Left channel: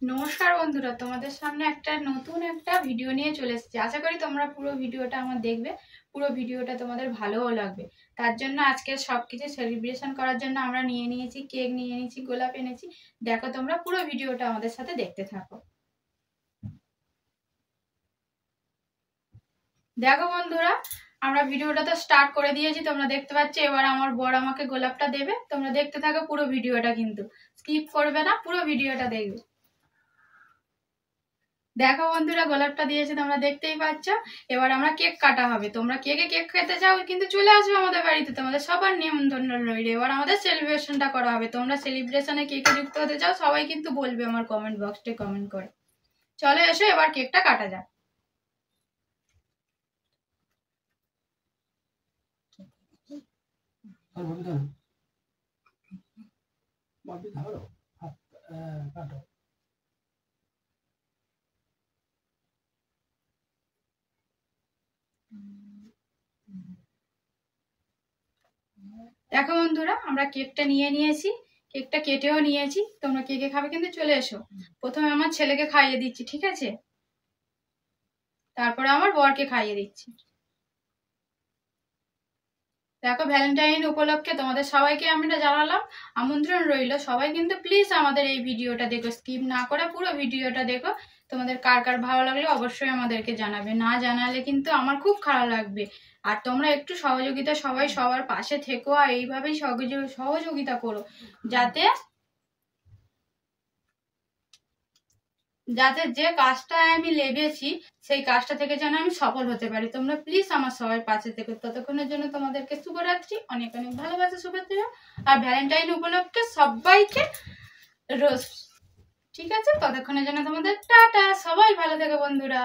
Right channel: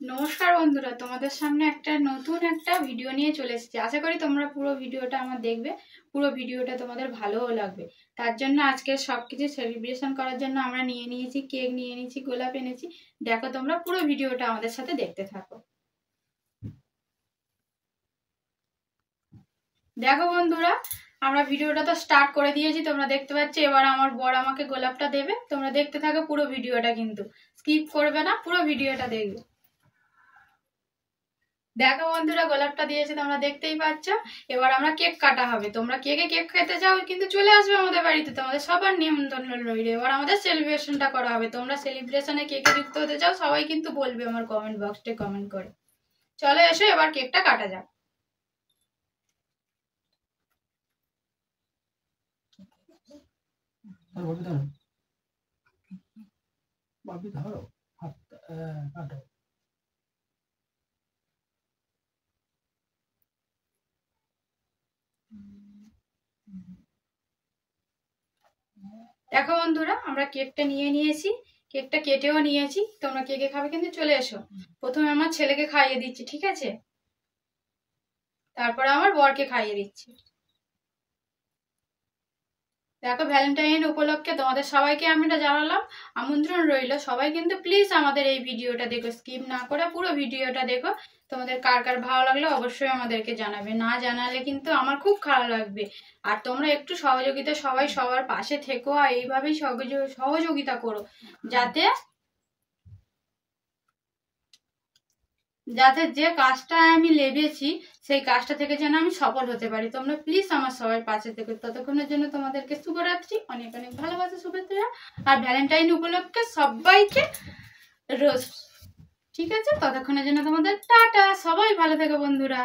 নমস্কার বন্ধুরা, তোমাদের সামনে নতুন একটা ভিডিও নিয়ে চলে এসেছি। আশা করি তোমরা পুরো ভিডিওটা আমার দেখবে, পুরো ভিডিওটা তোমাদের ভালোও লাগবে। তার জন্য আজকে সবকিছু সেলিব্রেশন করার জন্য আমরা নিয়ে নিয়েছি কেক, নিয়ে নিয়েছি গোলাপ এনেছি। দেখো, তোমরা পুরো ভিডিওটা আমাদের সাথে দেখতে থাকো। দেখো বন্ধুরা, আমরা ভিডিওটা তো স্টার্ট করে দিয়েছি, তোমরা দেখতে পাচ্ছ। এবার আমার বর আমাকে গোলাপটা দেবে। তোমরা দেখতে থাকো পুরো ভিডিওটা, কিন্তু স্কিপ করবে না, পুরো ভিডিওটা দেখবে। দেখো বন্ধুরা, গোলাপটা দিয়েছে, তোমরা দেখতেই পাচ্ছ। এবার আমরা কেক কাটা হবে। তোমরা কেক খেতে চাও কিন্তু চলে আসবে আমাদের বাড়িতে, তোমাদের সবার নিমন্ত্রণ রইল। এবার আমাদের সেলিব্রেশনটা করা হবে। তোমরা সেলিব্রেশনে কেকে যুক্ত হতে চাও, সবাই কিন্তু বলবে আমার কমেন্ট বক্সে কমেন্ট করে। চলে এসো, এবার কেকটা কাটা যাক। দেখো বন্ধুরা, আমরা কেকটা নিয়ে নিয়েছি, কেকটা কেটেও নিয়েছি। তোমরা কেকে খাবে কিন্তু চলে এসো। প্রথমে আমার ছেলেকে খাইয়ে দিচ্ছি, ঠিক আছে? তারপরে আমার বরকে খাইয়ে দিচ্ছি। দেখো, ভ্যালেন্টাইন উপলক্ষে তোমাদের সবাইকে আমি জানালাম, আমন্ত্রণ রইল। সবাই কিন্তু প্লিজ আমাদের এই ভিডিওটা দেখো, স্কিপ না করে পুরো ভিডিওটা দেখো। তোমাদের কার কার ভালো লাগলে অবশ্যই আমাদেরকে জানাবে, না জানালে কিন্তু আমার খুব খারাপ লাগবে। আর তোমরা একটু সহযোগিতা, সবাই সবার পাশে থেকো আর এইভাবেই সহযোগিতা করো, যাতে যাতে যে কাজটা আমি লেগেছি সেই কাজটা থেকে যেন আমি সফল হতে পারি। তোমরা প্লিজ আমার সবাই পাশে থেকো। ততক্ষণের জন্য তোমাদেরকে শুভরাত্রি, অনেক অনেক ভালোবাসা, শুভেচ্ছা। আর ভ্যালেন্টাইন উপলক্ষে সবাইকে রোজ, ঠিক আছে? ততক্ষণের জন্য তোমাদের টাটা, সবাই ভালো থেকো বন্ধুরা।